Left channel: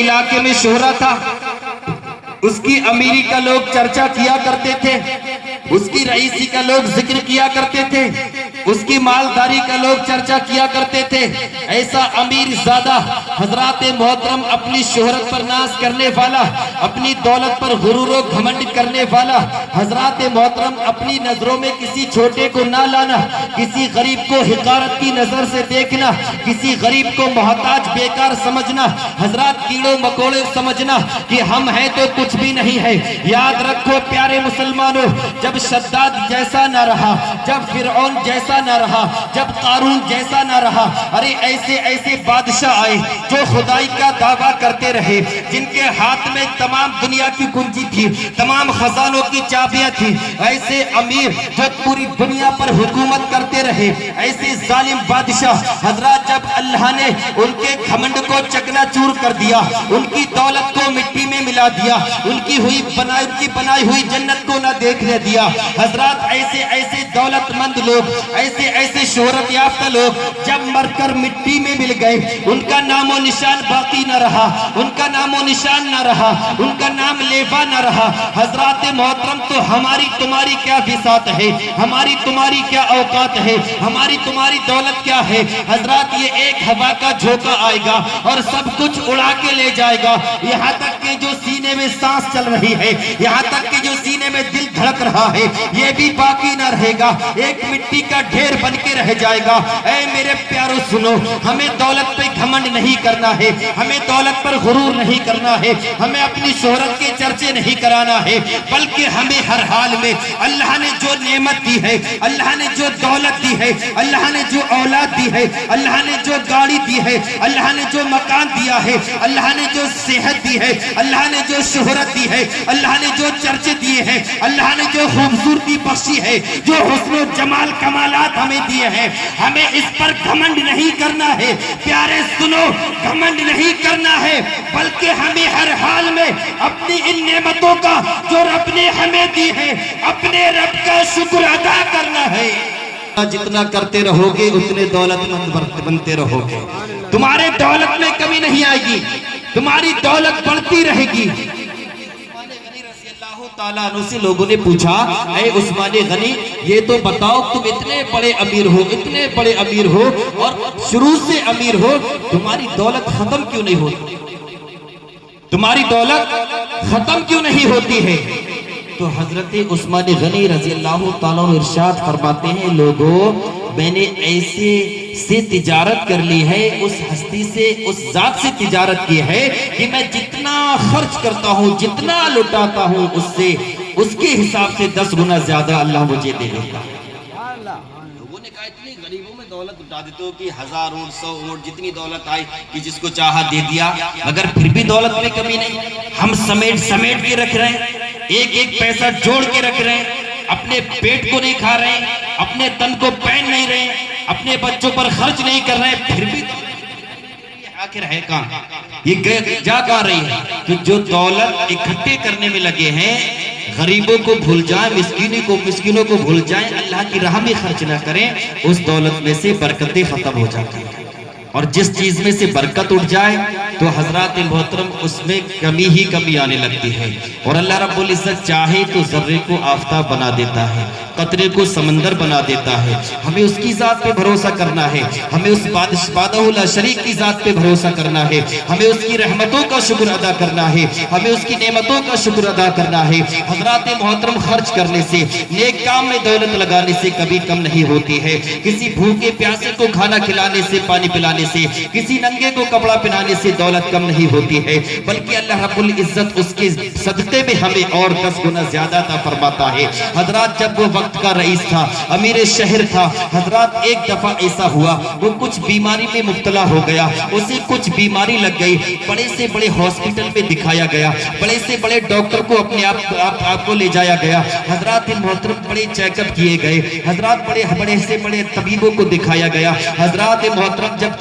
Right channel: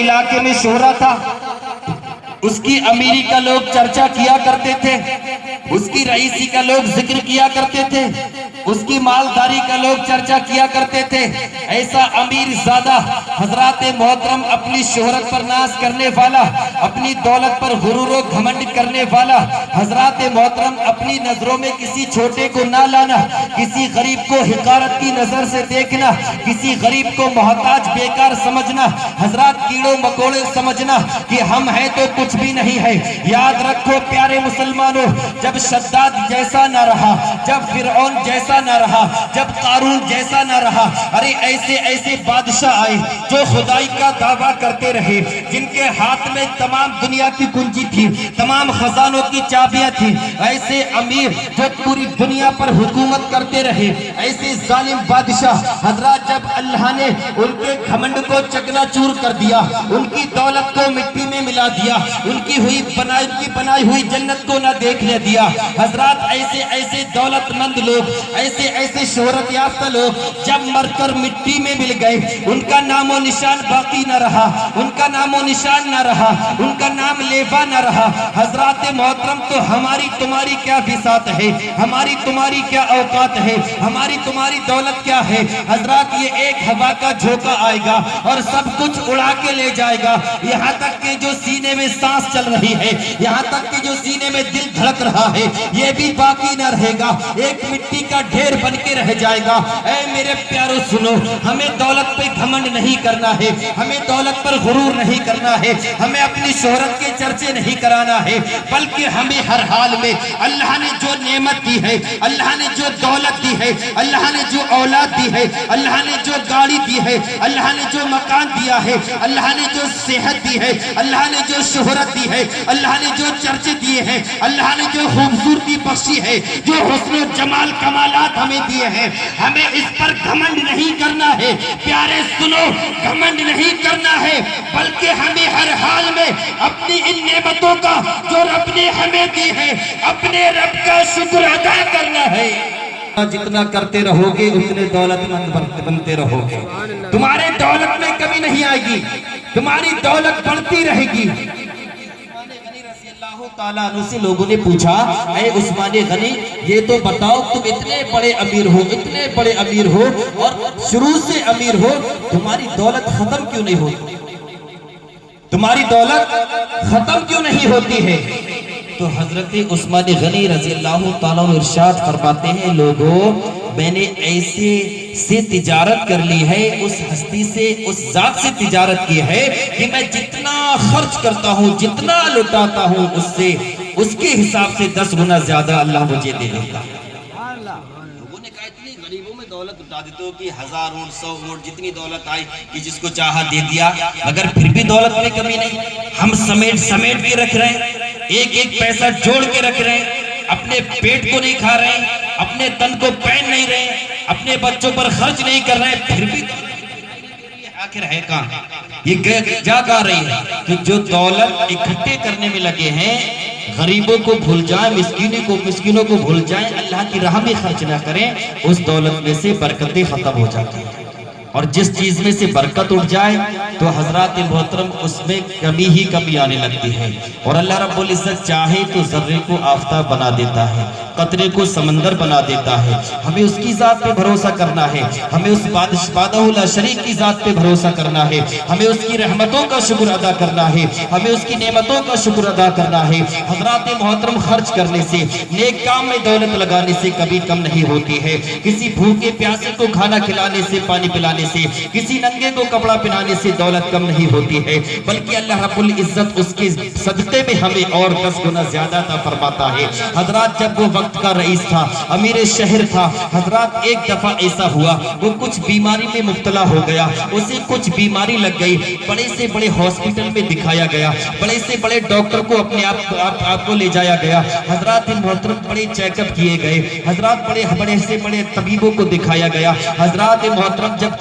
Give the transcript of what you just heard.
علاقے میں شہرہ تھا، اس کی امیری کا لوگ چرچا کیا کرتے تھے، اس کی رئیسی کا لوگ ذکر کیا کرتے تھے، اس کی مالداری کا لوگ چرچا کیا کرتے تھے۔ ایسا امیر زادہ حضرات محترم اپنی شہرت پر ناز کرنے والا، اپنی دولت پر غرور و گھمنڈ کرنے والا، حضرات محترم اپنی نظروں میں کسی چھوٹے کو نہ لانا، کسی غریب کو حقارت کی نظر سے دیکھنا، کسی غریب کو محتاج بیکار سمجھنا، حضرات کیڑوں مکوڑے سمجھنا کہ ہم ہیں تو کچھ بھی نہیں ہے۔ یاد رکھو پیارے مسلمانوں، جب شداد جیسا نہ رہا، جب فرعون جیسا نہ رہا، جب قارون جیسا نہ رہا، ارے ایسے ایسے بادشاہ آئے جو خدائی کا دعویٰ کرتے رہے، جن کے ہاتھ میں تمام دنیا کی کنجی تھی، تمام خزانوں کی چابیاں تھی، ایسے امیر جو پوری دنیا پر حکومت کرتے رہے، ایسے ظالم بادشاہ حضرات جب اللہ نے ان کے گھمنڈ کو چکنا چور کر دیا، ان کی دولت کو مٹی میں ملا دیا، ان کی بنائی ہوئی جنت کو نہ دیکھنے دیا، حضرات ایسے ایسے دولت مند لوگ، ایسے ایسے شہرت یافتہ لوگ جب مر کر مٹی میں مل گئے، ان کا نام و نشان باقی نہ رہا، ان کا نام و نشان نہ رہا، ان کا نام لیوا نہ رہا۔ حضرات محترم تو ہماری تمہاری کیا بساط ہے، ہماری تمہاری کیا اوقات ہے، ہماری تمہاری دولت کیا ہے؟ حضرات یہ ایک ہوا کا جھونکا آئے گا اور سب کچھ اڑا کے لے جائے گا، یہاں تک کہ جو سینے میں سانس چل رہی ہے، یہاں تک کہ جو سینے میں دل دھڑک رہا ہے، یہ بھی باقی نہ رہے گا، ایک مٹی کا ڈھیر بن کے رہ جائے گا۔ اے میرے پیارو سنو، ہمیں دولت پہ گھمنڈ نہیں کرنا ہے، ہمیں دولت پر غرور نہیں کرنا ہے، ہمیں اپنی شہرت کے چرچے نہیں کرانا ہے، بلکہ ہمیں ہر حال میں اللہ نے جو نعمت دی ہے، اللہ نے جو دولت دی ہے، اللہ نے جو اولاد دی ہے، اللہ نے جو گاڑی دی ہے، اللہ نے جو مکان دیا ہے، اللہ نے جو صحت دی ہے، اللہ نے جو شہرت دی ہے، اللہ نے جو چرچے دیے ہیں، اللہ نے جو خوبصورتی بخشی ہے، جو حسن و جمال کمالات ہمیں دیے ہیں، ہمیں اس پر گھمنڈ نہیں کرنا ہے۔ پیارے سنو، گھمنڈ نہیں کرنا ہے، بلکہ ہمیں ہر حال میں اپنی ان نعمتوں کا جو رب نے ہمیں دی ہے، اپنے رب کا شکر ادا کرنا ہے۔ جتنا کرتے رہو گے اتنے دولت مند بنتے رہو گے، تمہارے دولت میں کمی نہیں آئے گی، تمہاری دولت بڑھتی رہے گی۔ تعالیٰ عنہ سے لوگوں نے پوچھا، اے عثمان غنی یہ تو بتاؤ تم اتنے بڑے امیر ہو، اتنے بڑے امیر ہو اور شروع سے امیر ہو، تمہاری دولت ختم کیوں نہیں ہوتی؟ تمہاری دولت ختم کیوں نہیں ہوتی ہے؟ تو حضرت عثمان غنی رضی اللہ تعالیٰ عنہ ارشاد فرماتے ہیں، لوگوں میں نے ایسے سے تجارت کر لی ہے، اس ہستی سے، اس ذات سے تجارت کی ہے کہ میں جتنا خرچ کرتا ہوں، جتنا لٹاتا ہوں، اس سے، اس کے حساب سے 10 گنا زیادہ اللہ مجھے دے دیتا ہے۔ لوگوں نے کہا اتنی غریبوں میں دولت اٹھا دیتے ہو کہ 1000 اونٹ 100 اونٹ جتنی دولت آئی کہ جس کو چاہا دے دیا، مگر پھر بھی دولت میں کمی نہیں۔ ہم سمیٹ کے رکھ رہے ہیں، ایک ایک پیسہ جوڑ کے رکھ رہے ہیں، اپنے پیٹ کو نہیں کھا رہے ہیں، اپنے تن کو پہن نہیں رہے ہیں، اپنے بچوں پر خرچ نہیں کر رہے، پھر بھی آخر ہے کہاں؟ یہ جا کہاں رہی ہے؟ تو جو دولت اکٹھے کرنے میں لگے ہیں، غریبوں کو بھول جائیں، مسکینوں کو بھول جائیں، اللہ کی راہ میں خرچ نہ کریں، اس دولت میں سے برکتیں ختم ہو جاتی ہیں۔ اور جس چیز میں سے برکت اٹھ جائے تو حضرات محترم اس میں کمی ہی کمی آنے لگتی ہے۔ اور اللہ رب العزت چاہے تو ذرے کو آفتاب بنا دیتا ہے، قطرے کو سمندر بنا دیتا ہے۔ ہمیں اس کی ذات پہ بھروسہ کرنا ہے، ہمیں اس بادہ لا شریک کی ذات پہ بھروسہ کرنا ہے، ہمیں اس کی رحمتوں کا شکر ادا کرنا ہے، ہمیں اس کی نعمتوں کا شکر ادا کرنا ہے۔ حضرات محترم خرچ کرنے سے، نیک کام میں دولت لگانے سے کبھی کم نہیں ہوتی ہے۔ کسی بھوکے پیاسے کو کھانا کھلانے سے، پانی پلانے سے، کسی ننگے کو کپڑا پہنانے سے دولت کم نہیں ہوتی ہے، بلکہ اللہ رب العزت اس کے صدقے میں ہمیں اور 10 گنا زیادہ عطا فرماتا ہے۔ حضرات جب وہ وقت کا رئیس تھا، امیر شہر تھا، حضرات ایک دفعہ ایسا ہوا، وہ کچھ بیماری میں مبتلا ہو گیا، اسے کچھ بیماری لگ گئی، بڑے سے بڑے ہاسپٹل میں دکھایا گیا، بڑے سے بڑے ڈاکٹر کو اپنے آپ کو لے جایا گیا۔ حضرات محترم بڑے چیک اپ کیے گئے، حضرات بڑے سے بڑے طبیبوں کو دکھایا گیا۔ حضرات محترم جب